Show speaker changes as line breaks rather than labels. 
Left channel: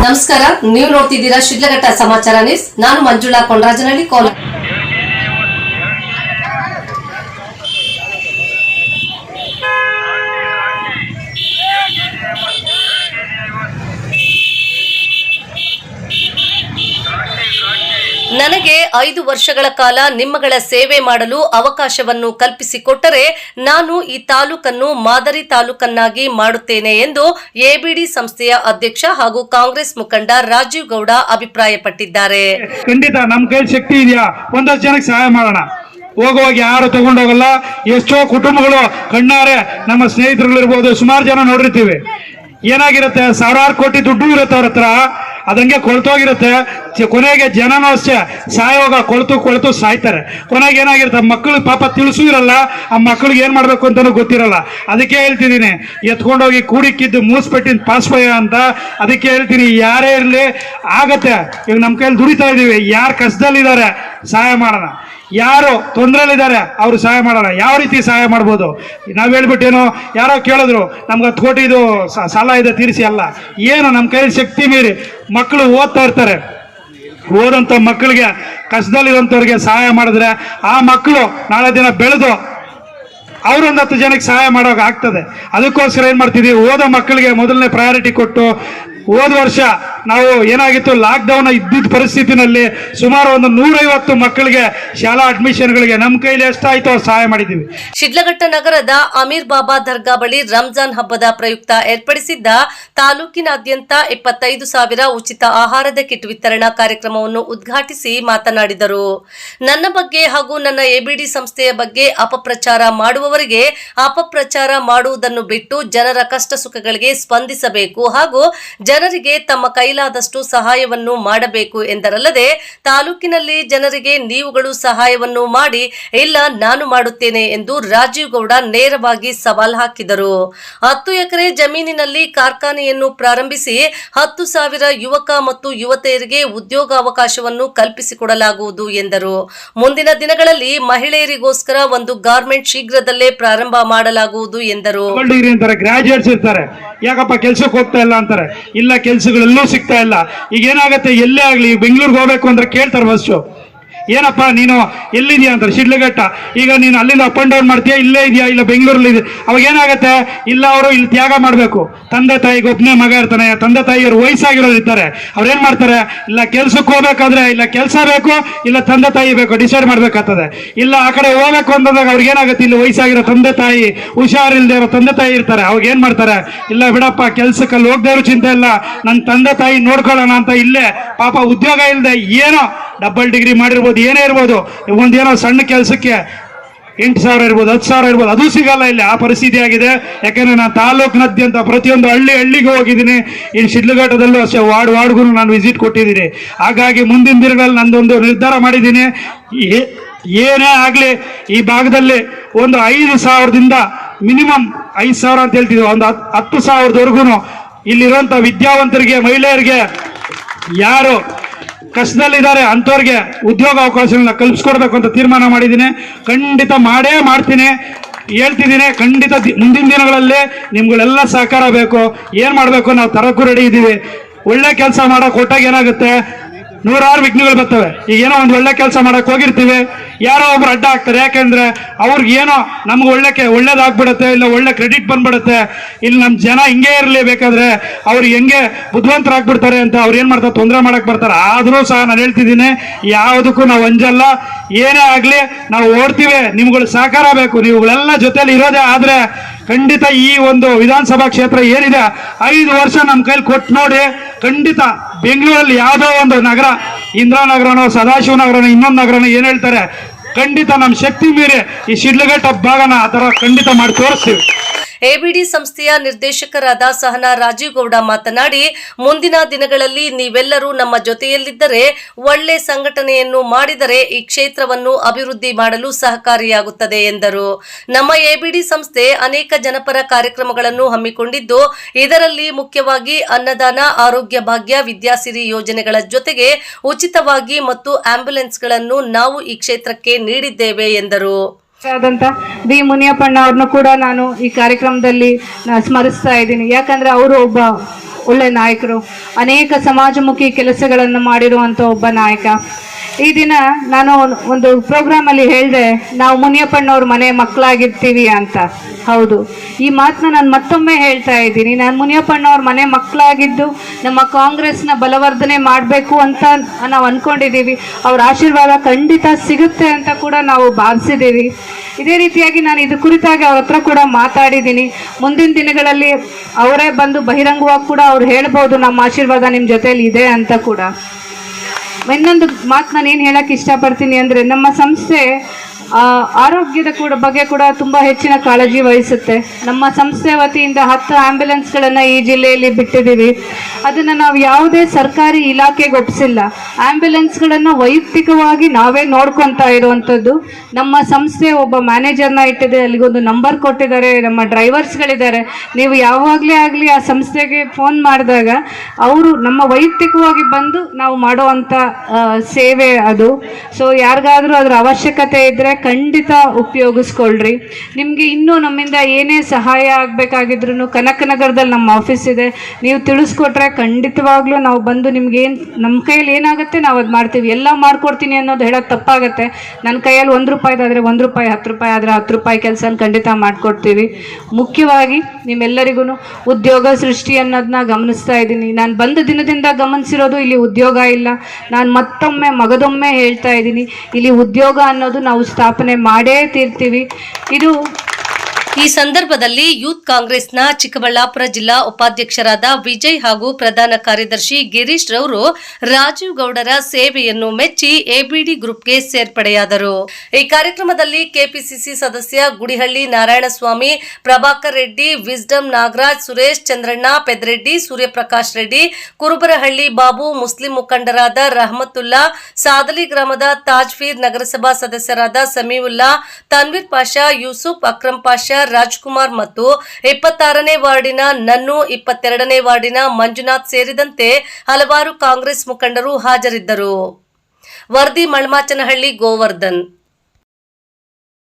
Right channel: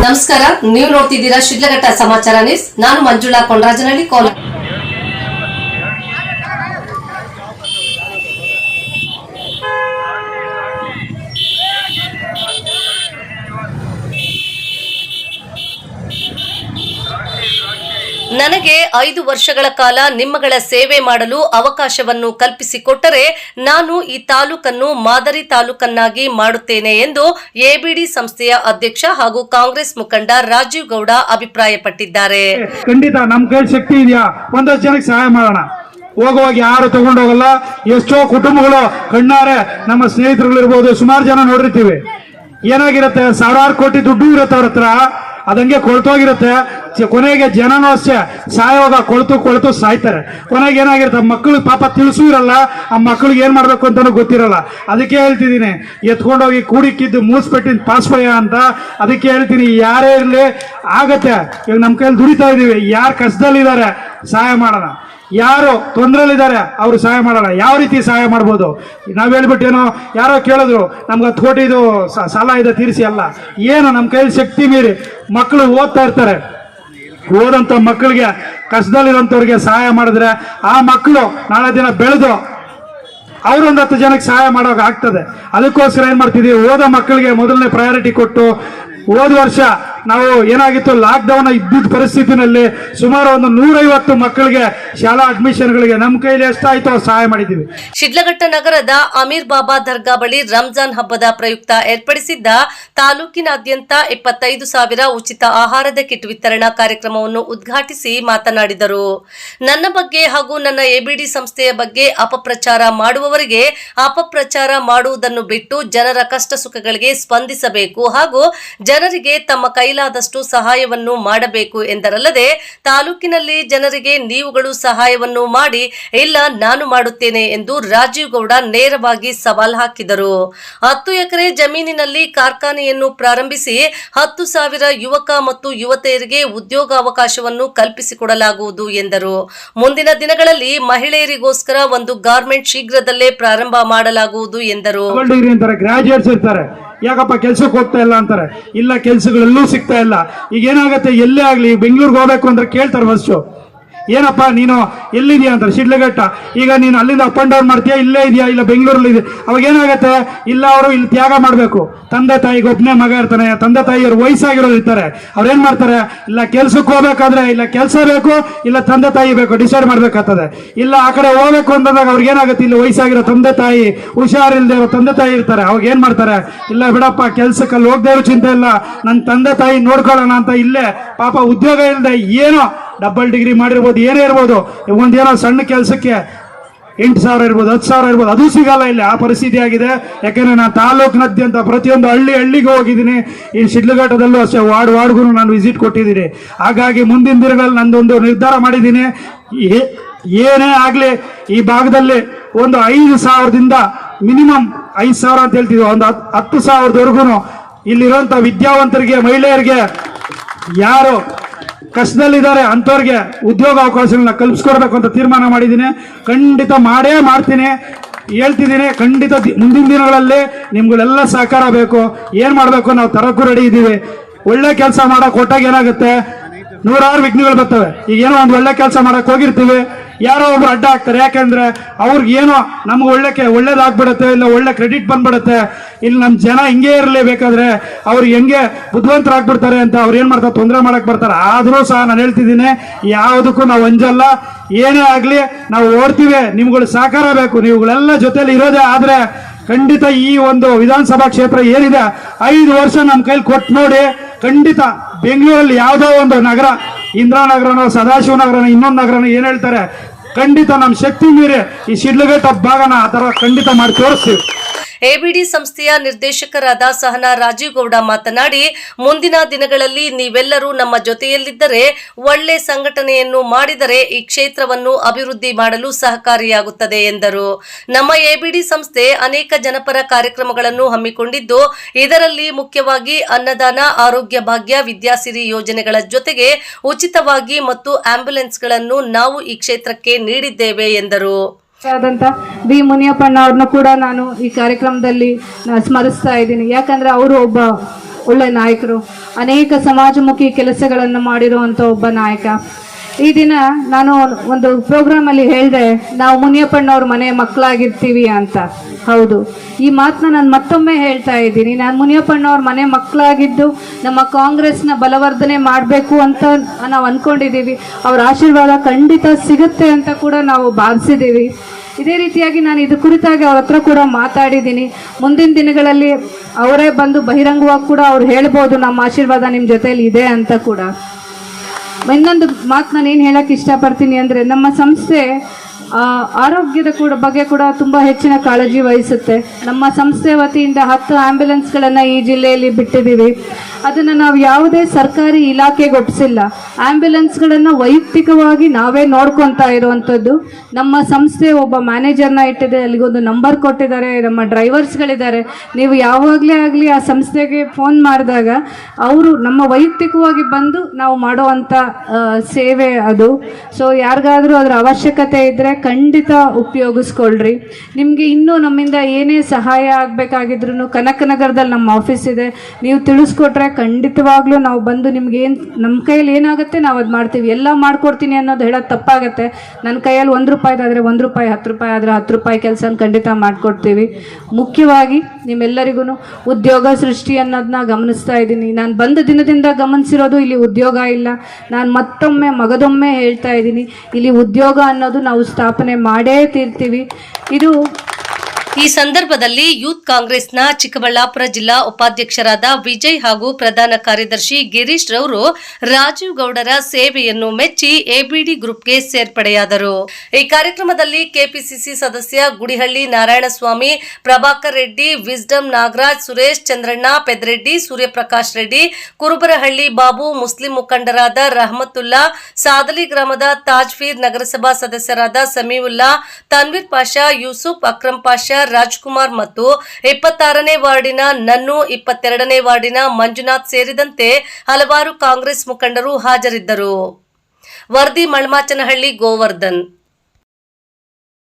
ನಮಸ್ಕಾರ ನೀವು ನೋಡ್ತಿದ್ದೀರಾ ಶಿಡ್ಲಘಟ್ಟ ಸಮಾಚಾರ ನ್ಯೂಸ್ ನಾನು ಮಂಜುಳಾ ಕೊಂಡರಾಜನಹಳ್ಳಿ ಕೋಲಾರ ನನಗೆ ಐದು ವರ್ಷಗಳ ಕಾಲ ನಿಮ್ಮಗಳ ಸೇವೆ ಮಾಡಲು ಅವಕಾಶವನ್ನು ಕಲ್ಪಿಸಿಕೊಟ್ಟರೆ ನಾನು ಈ ತಾಲೂಕನ್ನು ಮಾದರಿ ತಾಲೂಕನ್ನಾಗಿ ಮಾಡುತ್ತೇನೆ ಎಂದು ಎಬಿಡಿ ಸಂಸ್ಥೆಯ ಅಧ್ಯಕ್ಷ ಹಾಗೂ ಕಾಂಗ್ರೆಸ್ ಮುಖಂಡ ರಾಜೀವ್ ಗೌಡ ಅಭಿಪ್ರಾಯಪಟ್ಟಿದ್ದಾರೆ.
ಖಂಡಿತ ನಮ್ ಕೈ ಶಕ್ತಿ ಇದೆಯಾ? ಒಂದಷ್ಟು ಜನಕ್ಕೆ ಸಹಾಯ ಮಾಡೋಣ. ಹೋಗುವಾಗ ಯಾರು ತಗೊಂಡೋಗಲ್ಲ, ಎಷ್ಟೋ ಕುಟುಂಬಗಳು ಕಣ್ಣಾರೆ ನಮ್ಮ ಸ್ನೇಹಿತರುಗಳಿರ್ಬೋದು, ಸುಮಾರು ಜನ ನೋಡಿರ್ತೀವಿ. ಏನಾಗಿರುತ್ತೆ? ಸಾವಿರಾರು ಕೋಟಿ ದುಡ್ಡು ಇರುತ್ತೆ ಅವ್ರ ಅದಂಗೆ ಕೊಳ್ತೋಗಿರುತ್ತೆ. ಕೊನೆಗೆ ಜನನೂ ಅಷ್ಟೇ. ಸಾಯೋಗ ಕೊಳ್ತು ಕೊಳ್ತು ಸಾಯ್ತಾರೆ. ಕೊನೆಗೆ ಏನಾಗಿರುತ್ತೆ? ಮಕ್ಕಳು ಪಾಪ ತಿಳಿಸೂ ಇರಲ್ಲ. ಆ ಮಕ್ಕಳಿಗೆ ಏನು ಮಾಡಬೇಕು ಅಂತಲೂ ಗೊತ್ತಿರಲ್ಲ. ಅದಕ್ಕೆ ಹೇಳ್ತಿದ್ದೀನಿ. ಎತ್ಕೊಂಡೋಗಿ ಕೂಡಿಕ್ಕಿದ್ದು ಮೂಸ್ಪೆಟ್ಟಿನ ಪಾಸ್ವಯ ಅಂತ. ಅದಕ್ಕೆ ಹೇಳ್ತೀನಿ, ಯಾರೇ ಇರಲಿ, ಆಗತ್ತೆ. ಇವಾಗ ನಮ್ಮ ಕೈಯಲ್ಲಿ ದುಡಿತಾ ಇದೀವಿ. ಯಾರು ಕಷ್ಟದಲ್ಲಿದ್ದಾರೆ ಸಹಾಯ ಮಾಡೋಣ. ಯಾರು ತೊಂದರೆಯಲ್ಲಿದ್ದಾರೆ ಅವರು ಸಹಾಯ ಮಾಡಲ್ಲ. ಯಾವ ರೀತಿ ಸಹಾಯ ಮಾಡ್ಬೋದು? ನಾವು ಹೇಳ್ಬಿಟ್ಟೇನೋ, ಯಾರೋ ಕೇಳಿದ್ರು, ನಮ್ಗೆ ಹತ್ತು ಕೋಟಿ ಇದು ಸಾಲ ಇದೆ, ತೀರಿಸಿ ಅಲ್ಲ. ಏನು ನಮ್ಮ ಕೈಯಲ್ಲಿ ಶಕ್ತಿ ಮೀರಿ ಮಕ್ಕಳು ಓದ್ತಾ ಇರ್ತಾರೆ. ಓದಂಥ ಮಕ್ಕಳಿಗೆ ಕಷ್ಟದಲ್ಲಿರೋಂಥವ್ರಿಗೆ ಸಹಾಯ ಮಾಡಿದ್ರೆ ಆ ಮಕ್ಕಳು ನಾಳೆ ದಿನ ಬೆಳೆದು ಅವ್ರೊಂದು ಹತ್ತು ಜನಕ್ಕೆ ಸಹಾಯ ಮಾಡೋಕೆ ಆಗ್ತದೆ. ಅದಕ್ಕೋಸ್ಕರ ಏನು ಮಾಡ್ತಿದೀವಿ? ಓದೋ ಮಕ್ಕಳಿಗೆ ಮೊದಲನೇ ಪ್ರಯಾರಿಟಿ ಕೊಟ್ಟು, ಹೋದ ವರ್ಷ ನಾವು ಏನಾಗಿತ್ತು? ಲಾಕ್ಡೌನ್ ಇದ್ದಿದ್ದ ಪರಿಸ್ಥಿತಿನಲ್ಲಿ ಸುಮಾರು ಒಂದು ನೂರೈವತ್ತು ಮಕ್ಕಳಿಗೆ ಶಾಲಾ ಅಡ್ಮಿಷನ್ಗಳಿಗೆ ನಮ್ಮ ಕೈಲಿ ಎಷ್ಟಾಯ್ತು? ಅವ್ರು ಸಹಾಯ ಮಾಡಿದ್ದೀವಿ.
ಶಿಡ್ಲಘಟ್ಟ ನಗರದ ಅಮೀರ್ ಬಾಬಾ ದರ್ಗಾ ಬಳಿ ರಂಜಾನ್ ಹಬ್ಬದ ಪ್ರಯುಕ್ತ ಏರ್ಪಡಿಸಿದ್ದ ತಾಲೂಕಿನಾದ್ಯಂತ ಇಪ್ಪತ್ತೈದು ಸಾವಿರ ಉಚಿತ ಆಹಾರದ ಕಿಟ್ ವಿತರಣಾ ಕಾರ್ಯಕ್ರಮವನ್ನು ಉದ್ಘಾಟಿಸಿ ಮಾತನಾಡಿದರು. ನನ್ನ ಬಗ್ಗೆ ಹಾಗೂ ನನ್ನ ಎಬಿಡಿ ಸಂಸ್ಥೆಯ ಬಗ್ಗೆ ಅಪಪ್ರಚಾರ ಮಾಡುವವರಿಗೆ ಅಪಪ್ರಚಾರ ಮಾಡುವುದನ್ನು ಬಿಟ್ಟು ಜನರ ಕಷ್ಟ ಸುಖಗಳಿಗೆ ಸ್ಪಂದಿಸಬೇಕು ಹಾಗೂ ಜನರಿಗೆ ತಮ್ಮ ಕೈಲಾದಷ್ಟು ಸಹಾಯವನ್ನು ಮಾಡಬೇಕು ಎಂದರಲ್ಲದೆ ತಾಲೂಕಿನಲ್ಲಿ ಜನರಿಗೆ ನೀವುಗಳು ಸಹಾಯವನ್ನು ಮಾಡಿ, ಇಲ್ಲ ನಾನು ಮಾಡುತ್ತೇನೆ ಎಂದು ರಾಜೀವ್ ಗೌಡ ನೇರವಾಗಿ ಸವಾಲ್ ಹಾಕಿದರು. ಹತ್ತು ಎಕರೆ ಜಮೀನಿನಲ್ಲಿ ಕಾರ್ಖಾನೆಯನ್ನು ಪ್ರಾರಂಭಿಸಿ ಹತ್ತು ಸಾವಿರ ಯುವಕ ಮತ್ತು ಯುವತಿಯರಿಗೆ ಉದ್ಯೋಗಾವಕಾಶವನ್ನು ಕಲ್ಪಿಸಿಕೊಡಲಾಗುವುದು ಎಂದರು. ಮುಂದಿನ ದಿನಗಳಲ್ಲಿ ಮಹಿಳೆಯರಿಗೋಸ್ಕರ ಒಂದು ಗಾರ್ಮೆಂಟ್ ಶೀಘ್ರದಲ್ಲೇ ಪ್ರಾರಂಭ ಮಾಡಲಾಗುವುದು ಎಂದರು.
ಯಾಕಪ್ಪ ಕೆಲ್ಸಕ್ಕೆ ಹೋಗ್ತಾ ಇಲ್ಲ ಅಂತಾರೆ? ಇಲ್ಲ ಕೆಲ್ಸಗಳೆಲ್ಲೂ ಸಿಗ್ತಾ ಇಲ್ಲ. ಈಗ ಏನಾಗುತ್ತೆ? ಎಲ್ಲೇ ಆಗಲಿ? ಬೆಂಗಳೂರಿಗೆ ಹೋಗ್ಬೇಕು ಅಂದ್ರೆ ಕೇಳ್ತಾರೆ ಫಸ್ಟು ಏನಪ್ಪ ನೀನು ಎಲ್ಲಿದ್ಯಾ ಅಂತಾರೆ ಶಿಡ್ಲಘಟ್ಟ. ಈಗ ನೀನು ಅಲ್ಲಿಂದ ಅಪ್ ಅಂಡ್ ಡೌನ್ ಮಾಡ್ತೀಯಾ? ಇಲ್ಲೇ ಇದೆಯಾ? ಇಲ್ಲ ಬೆಂಗಳೂರಲ್ಲಿ ಇದೆ ಅವಾಗ ಏನಾಗುತ್ತೆ? ಇಲ್ಲ ಅವರು ಇಲ್ಲಿ ತ್ಯಾಗ ಮಾಡಬೇಕು. ತಂದೆ ತಾಯಿಗೆ ಒಬ್ಬನೇ ಮಗ ಇರ್ತಾನೆ. ತಂದೆ ತಾಯಿಯವರು ವಯಸ್ಸಾಗಿರೋರು ಇರ್ತಾರೆ. ಅವ್ರು ಏನ್ ಮಾಡ್ತಾರೆ? ಇಲ್ಲ ಕೆಲ್ಸಕ್ಕೆ ಹೋಗ್ಬೇಕಾದ್ರೆ, ಇಲ್ಲ ಕೆಲಸ ಬೇಕು, ಇಲ್ಲ ತಂದೆ ತಾಯಿ ಬೇಕು ಡಿಸೈಡ್ ಮಾಡಬೇಕಾಗ್ತದೆ. ಇಲ್ಲ ಆ ಕಡೆ ಹೋಗ್ಬೇಕು ಅಂತಂದಾಗ ಅವ್ರಿಗೆ ಏನಾಗುತ್ತೆ? ಇಲ್ಲಿ ವಯಸ್ಸಾಗಿರೋ ತಂದೆ ತಾಯಿ ಹುಷಾರಿಲ್ಲದೆ ಇರೋ ತಂದೆ ತಾಯಿ ಇರ್ತಾರೆ. ಅವಾಗ ಏನು ಮಾಡ್ತಾರೆ? ಇಲ್ಲ ಬಿಡಪ್ಪ ಕೆಲ್ಸಕ್ಕೆ ಅಲ್ಲಿ ಹೋಗದೇ ಚಿಂತೆ ಇಲ್ಲ. ನನ್ನ ತಂದೆ ತಾಯಿ ನೋಡ್ಕೊಳ್ಳೋಣ ಅಂತ ಇಲ್ಲೇ ಪಾಪ ಉದ್ಯೋಗ ಇಲ್ಲದೆ ಏನೋ ಡಬಲ್ ಡಿಗ್ರಿ ಮಾಡಿರ್ಬೋದು, ಏನೇ ಇರ್ಬೋದು. ಒಂದೇನೋ ಸಣ್ಣ ಕೆಲಸಕ್ಕೆ ಎಂಟು ಸಾವಿರ ಇರ್ಬೋದು, ಹತ್ತು ಸಾವಿರ ಇರ್ಬೋದು, ಅದು ಸಿಗಲ್ಲ ಇಲ್ಲಿ. ಆ ಪರಿಸ್ಥಿತಿ ಆಗಿದೆ. ಯಾಕಂದ್ರೆ ನಾನು ತಾಲೂಕಿನಾದ್ಯಂತ ಪ್ರತಿಯೊಂದು ಹಳ್ಳಿ ಹಳ್ಳಿಗೆ ಹೋಗಿದ್ದೀನಿ. ಇನ್ನು ಶಿಡ್ಲಘಟ್ಟದಲ್ಲೂ ಅಷ್ಟೇ, ವಾರ್ಡ್ ವಾರ್ಡ್ಗೂ ನಾನು ವಿಸಿಟ್ ಕೊಟ್ಟಿದ್ದೀನಿ. ಹಾಗಾಗಿ ಮುಂದಿನ ದಿನಗಳಲ್ಲಿ ನಂದೊಂದು ನಿರ್ಧಾರ ಮಾಡಿದ್ದೀನಿ. ಏನೇ ಆಗಲಿ, ಈ ಭಾಗದಲ್ಲಿ ಒಂದು ಐದು ಸಾವಿರದಿಂದ ಮಿನಿಮಮ್ ಐದು ಸಾವಿರ ಅಂತ ಹೇಳ್ತಿದ್ವಿ. ಒಂದು ಹತ್ತು ಹತ್ತು ಸಾವಿರದವರೆಗೂ ಇಲ್ಲಿರುವಂಥ ವಿದ್ಯಾವಂತರಿಗೆ, ಮಹಿಳೆಯರಿಗೆ ಯಾರು ಕಷ್ಟದಲ್ಲಿದ್ದಾರೆ ಅಂಥವ್ರಿಗೆ ಉದ್ಯೋಗ ಅವಕಾಶಗಳನ್ನ ಕಲ್ಪಿಸ್ಕೊಡ್ಬೇಕು ಅಂತ ತೀರ್ಮಾನ ಮಾಡಿದ್ದೀನಿ. ಖಂಡಿತ ಮಾಡೇ ಮಾಡ್ತೀನಿ. ಹೇಳ್ತಿದ್ದೀನಿ, ಖಂಡಿತ ಮುಂದಿನ ದಿನಗಳಲ್ಲಿ ನಿಮ್ಗಳೆಲ್ಲ ಸಹಕಾರ ಬೇಕು. ಏನ್ ಮಾಡಬೇಕು? ನಾವು ತರಕು ರೆಡಿ ಇದ್ದೀವಿ. ಒಳ್ಳೆ ಕೆಲಸ ಮಾಡಕ್ ಕೊಟ್ಟಾಗ ಏನಾಗುತ್ತೆ? ನೂರಾರು ವಿಘ್ನಗಳು ಬರ್ತವೆ. ಈಗ ಏನೋ ಒಂದು ಒಳ್ಳೆ ಕೆಲಸ ಮಾಡಕ್ ಹೋಗಿರ್ತೀವಿ, ಯಾರೋ ಒಬ್ರು ಅಡ್ಡ ಆಗ್ತಾರೆ ಯಾಕಂದ್ರೆ ಅವ್ರಿಗೆ ಏನೋ ನಮ್ಗೆ ಒಳ್ಳೆ ಕೆ ಒಳ್ಳೇದಾಗ್ಬಿಡುತ್ತೆ, ಇಲ್ಲ ಒಳ್ಳೆ ಕ್ರೆಡಿಟ್ ಬಂದ್ಬಿಡುತ್ತೆ, ಇಲ್ಲಿ ನಮ್ಮ ಜನ ಹಿಂಗೆ ಇರಲಿ ಬೇಕಾದ್ರೆ ಅವ್ರು ಹೆಂಗೆ ಬುದ್ಧಿವಂತರಾಗ್ಬಿಡ್ತಾರೆ ಅಂತ ಅವ್ರು ಏನು ಮಾಡ್ತಾರೆ? ತೊಂದರೆ ಮಾಡಕ್ ಬರ್ತಾರೆ. ಆದರೂ ಸಹ ನಾನು ಹೇಳ್ತಿದ್ದೀನಿ, ಯಾವುದಕ್ಕೂ ನಾವು ಅಂಜಲ್ಲ ಏನೇ ಆಗಲಿ ನಾವು ಓಡ್ತೀವಿ. ನಿಮ್ಗಳು ಸಹಕಾರ ಬೇಕು. ನೀವುಗಳೆಲ್ಲ ಜೊತೆಲಿ ಇರೋದೇ ಆದರೆ ಖಂಡಿತ ಈ ಒಂದು ವಿಧಾನಸಭಾ ಕ್ಷೇತ್ರ ಏನಿದೆ, ಐದು ವರ್ಷ ನಮ್ಮ ಕೈಲಿ ಕೊಟ್ಟು ನೋಡಿ ಖಂಡಿತ ಬೆಂಗಳೂರಲ್ಲಿ ಯಾವುದೋ ಒಂದು ನಗರ, ಇಂದಿರಾನಗರನೋ, ಸದಾಶಿವನಗರನೋ, ಇನ್ನೊಂದು ನಗರನೋ ಏನು ಹೇಳ್ತಾರೆ, ಖಂಡಿತ ನಮ್ಮ ಶಕ್ತಿ ಮೀರಿ ಈ ಶಿಡ್ಲಘಟ್ಟ ಭಾಗನ ಆ ಥರ ಖಂಡಿತ ಮಾಡಿ ತೋರಿಸ್ತೀವಿ.
ಎಬಿಡಿ ಸಂಸ್ಥೆಯ ನಿರ್ದೇಶಕರಾದ ಸಹನಾ ರಾಜೀವ್ ಗೌಡ ಮಾತನಾಡಿ, ಮುಂದಿನ ದಿನಗಳಲ್ಲಿ ನೀವೆಲ್ಲರೂ ನಮ್ಮ ಜೊತೆಯಲ್ಲಿದ್ದರೆ, ಒಳ್ಳೆ ಸಂಘಟನೆಯನ್ನು ಮಾಡಿದರೆ ಈ ಕ್ಷೇತ್ರವನ್ನು ಅಭಿವೃದ್ಧಿ ಮಾಡಲು ಸಹಕಾರಿಯಾಗುತ್ತದೆ ಎಂದರು. ನಮ್ಮ ಎಬಿಡಿ ಸಂಸ್ಥೆ ಅನೇಕ ಜನಪರ ಕಾರ್ಯಕ್ರಮಗಳನ್ನು ಹಮ್ಮಿಕೊಂಡಿದ್ದು, ಇದರಲ್ಲಿ ಮುಖ್ಯವಾಗಿ ಅನ್ನದಾನ, ಆರೋಗ್ಯ ಭಾಗ್ಯ, ವಿದ್ಯಾಸಿರಿ ಯೋಜನೆಗಳ ಜೊತೆಗೆ ಉಚಿತವಾಗಿ ಮತ್ತು ಆಂಬ್ಯುಲೆನ್ಸ್ಗಳನ್ನು ನಾವು ಈ ಕ್ಷೇತ್ರಕ್ಕೆ ನೀಡಿದ್ದೇವೆ ಎಂದರು.
ಆದಂತ ಬಿ ಮುನಿಯಪ್ಪಣ್ಣ ಅವ್ರನ್ನು ಕೂಡ ನಾನು ಈ ಕಾರ್ಯಕ್ರಮದಲ್ಲಿ ಸ್ಮರಿಸ್ತಾ ಇದ್ದೀನಿ. ಯಾಕಂದ್ರೆ ಅವರು ಒಬ್ಬ ಒಳ್ಳೆ ನಾಯಕರು. ಅನೇಕ ಸಮಾಜಮುಖಿ ಕೆಲಸಗಳನ್ನು ಮಾಡಿರುವಂಥ ಒಬ್ಬ ನಾಯಕ. ಈ ದಿನ ನಾನು ಒಂದು ಪ್ರೋಗ್ರಾಮ್ ಅಲ್ಲಿ ಹೇಳಿದೆ, ನಾವು ಮುನಿಯಪ್ಪಣ್ಣವ್ರ ಮನೆ ಮಕ್ಕಳಾಗಿರ್ತೀವಿ ಅಂತ. ಹೌದು. ಈ ಮಾತನ್ನ ನಾನು ಮತ್ತೊಮ್ಮೆ ಹೇಳ್ತಾ ಇದ್ದೀನಿ. ನಾನು ಮುನಿಯಪ್ಪಣ್ಣವ್ರ ಮನೆ ಮಕ್ಕಳಾಗಿದ್ದು ನಮ್ಮ ಕಾಂಗ್ರೆಸ್ನ ಬಲವರ್ಧನೆ ಮಾಡಬೇಕು ಅಂತ ನಾವು ಅಂದ್ಕೊಂಡಿದ್ದೀವಿ ಅವ್ರ ಆಶೀರ್ವಾದ ಖಂಡಿತ ಸಿಗುತ್ತೆ ಅಂತ ಕೂಡ ನಾವು ಭಾವಿಸಿದ್ದೀವಿ. ಇದೇ ರೀತಿಯಾಗಿ ನಾನು ಇದು ಕುರಿತಾಗಿ ಅವ್ರ ಹತ್ರ ಕೂಡ ಮಾತಾಡಿದ್ದೀನಿ. ಮುಂದಿನ ದಿನಗಳಲ್ಲಿ ಅವರೇ ಬಂದು ಬಹಿರಂಗವಾಗಿ ಕೂಡ ಅವ್ರು ಹೇಳ್ಬೋದು, ನಮ್ಮ ಆಶೀರ್ವಾದ ನಿಮ್ಮ ಜೊತೆಯಲ್ಲಿ ಇದೆ ಅಂತ ಕೂಡ. ಇನ್ನೊಂದು ಮಾತು ನಾನು ಏನು ಹೇಳಕ್ಕೆ ಇಷ್ಟಪಡ್ತೀನಿ ಅಂದರೆ ನಮ್ಮ ಸಂಸ್ಥೆ ಆರೋಗ್ಯದ ಕೂಡ ಬಗ್ಗೆ ಕೂಡ ತುಂಬ ಹೆಚ್ಚಿನ ಕಾಳಜಿ ವಹಿಸುತ್ತೆ. ನಮ್ಮ ಸಂಸ್ಥೆ ವತಿಯಿಂದ ಹತ್ತು ಆ್ಯಂಬುಲೆನ್ಸ್ಗಳನ್ನು ಈ ಜಿಲ್ಲೆಯಲ್ಲಿ ಬಿಟ್ಟಿದ್ದೀವಿ ಅದನ್ನು ನಾವು ಯಾವುದೇ ಸರ್ಕಾರಿ ಇಲಾಖೆಗೆ ಒಪ್ಪಿಸಿಲ್ಲ ಆ್ಯಂಬುಲೆನ್ಸ್ಗಳನ್ನು ವೈಯಕ್ತಿಕವಾಗಿ ನಾವೇ ನೋಡ್ಕೊತಾ ಇರುವಂಥದ್ದು. ನಮ್ಮ ಸಂಸ್ಥೆ ಒಬ್ಬ ಮ್ಯಾನೇಜರ್ನ ಇಟ್ಟಿದೆ. ಅಲ್ಲಿಗೊಂದು ನಂಬರ್ ಕೊಟ್ಟಿದ್ದಾರೆ. ನಮ್ಮ ಡ್ರೈವರ್ಸ್ಗಳಿದ್ದಾರೆ. ನೀವು ಯಾವಾಗಲೇ ಆಗಲಿ ಆ ಸಂಸ್ಥೆಗೆ ಫೋನ್ ಮಾಡಿದಾಗ ಅವರು ನಮ್ಮ ವೈಯಕ್ತಿಕವಾಗಿ ಬಂದು ನಾವು ಮಾಡುವಂಥ ಸೇವೆ ಅದು. ಸೊ, ಯಾರಿಗಾದರೂ ಅದರ ಅವಶ್ಯಕತೆ ಇದ್ದರೆ ಖಂಡಿತ ಉಪಯೋಗಿಸ್ಕೊಳ್ರಿ. ನಿಮಗೆ ಇನ್ನೂ ನಮ್ಮಿಂದ ಏನೇ ಸಹಾಯ ಆಗಬೇಕಾಗಿದ್ರು ಕನಕನಗರದಲ್ಲಿ ನಮ್ಮ ಆಫೀಸ್ ಇದೆ. ನೀವು ತಿಳಿಸ್ಕೊಟ್ರೆ ಖಂಡಿತವಾಗ್ಲೂ ನಾವು ಬಂದು ನಿಮ್ಗೆ ಏನು, ನಮ್ಮ ಕೈಯಲ್ಲಿ ಏನಾಗುತ್ತೆ ನಾವು ಅದು ಮಾಡ್ತೀವಿ. ಎಲ್ಲ ಮಾಡ್ಕೊಡ್ತೀನಿ ಅನ್ನೋದು ಹೇಳೋದು ತಪ್ಪಾಗುತ್ತೆ. ನನ್ನ ಕೈಯಲ್ಲಿ ಒಂದು ರೂಪಾಯಿದಾದರೆ ಒಂದು ರೂಪಾಯಿ, ಹತ್ತು ರೂಪಾಯಿ ಆದರೆ ಹತ್ತು ರೂಪಾಯಿ ಕೆಲಸನ ಖಂಡಿತ ಮಾಡಿಕೊಡ್ತೀವಿ. ಮುಖ್ಯವಾಗಿ ನಿಮ್ಮೆಲ್ಲರಿಗೂ ಉದ್ಯೋಗ ಸೃಷ್ಟಿ ಅನ್ನೋದನ್ನ ಗಮನಿಸ್ತಾ ಇದ್ದೀನಿ. ನಾನು ಬಂದ ದಿನದಿಂದ ಗಮನಿಸಿರೋದು ಇಲ್ಲಿ ಉದ್ಯೋಗ ಇಲ್ಲ. ನಾನು ಮತ್ತೊಮ್ಮೆ ಮಗದೊಮ್ಮೆ ಹೇಳ್ತಾ ಇದ್ದೀನಿ. ಇಲ್ಲಿ ಉದ್ಯೋಗ ಅನ್ನೋದು ನಾವು ಸ್ಥಾಪನೆ ಮಾಡೇ ತೀರ್ತೀವಿ. ಇದು
ಈ ಸಂದರ್ಭದಲ್ಲಿ ಯೂತ್ ಕಾಂಗ್ರೆಸ್ನ ಚಿಕ್ಕಬಳ್ಳಾಪುರ ಜಿಲ್ಲಾ ಉಪಾಧ್ಯಕ್ಷರಾದ ವಿಜಯ್ ಹಾಗೂ ಪ್ರಧಾನ ಕಾರ್ಯದರ್ಶಿ ಗಿರೀಶ್ ರವರು ರಾಜೀವ್ ಗೌಡರ ಸೇವೆಯನ್ನು ಮೆಚ್ಚಿ ಎಬಿಡಿ ಗ್ರೂಪ್ಗೆ ಸೇರ್ಪಡೆಯಾದರು. ಈ ಕಾರ್ಯಕ್ರಮದಲ್ಲಿ ಕೆಪಿಸಿಸಿ ಸದಸ್ಯ ಗುಡಿಹಳ್ಳಿ ನಾರಾಯಣಸ್ವಾಮಿ, ಪ್ರಭಾಕರ್ ರೆಡ್ಡಿ, ವಿಸ್ಡಮ್ ನಾಗರಾಜ್, ಸುರೇಶ್ ಚಂದ್ರಣ್ಣ, ಪೆದ್ರೆಡ್ಡಿ, ಸೂರ್ಯಪ್ರಕಾಶ್ ರೆಡ್ಡಿ, ಕುರುಬರಹಳ್ಳಿ ಬಾಬು, ಮುಸ್ಲಿಂ ಮುಖಂಡರಾದ ರಹಮತುಲ್ಲಾ ಸಾದಲಿ ಗ್ರಾಮದ ತಾಜ್ಫೀರ್ ನಗರಸಭಾ ಸದಸ್ಯರಾದ ಸಮೀವುಲ್ಲಾ, ತನ್ವೀರ್ ಪಾಷಾ, ಯೂಸುಫ್ ಅಕ್ರಂ ಪಾಷಾ ರಾಜ್ಕುಮಾರ್ ಮತ್ತು ಇಪ್ಪತ್ತಾರನೇ ವಾರ್ಡಿನ ನನ್ನು, ಇಪ್ಪತ್ತೆರಡನೇ ವಾರ್ಡಿನ ಮಂಜುನಾಥ್ ಸೇರಿದಂತೆ ಹಲವಾರು ಕಾಂಗ್ರೆಸ್ ಮುಖಂಡರು ಹಾಜರಿದ್ದರು. ವರದಿ ಮಳ್ಮಾಚನಹಳ್ಳಿ ಗೋವರ್ಧನ್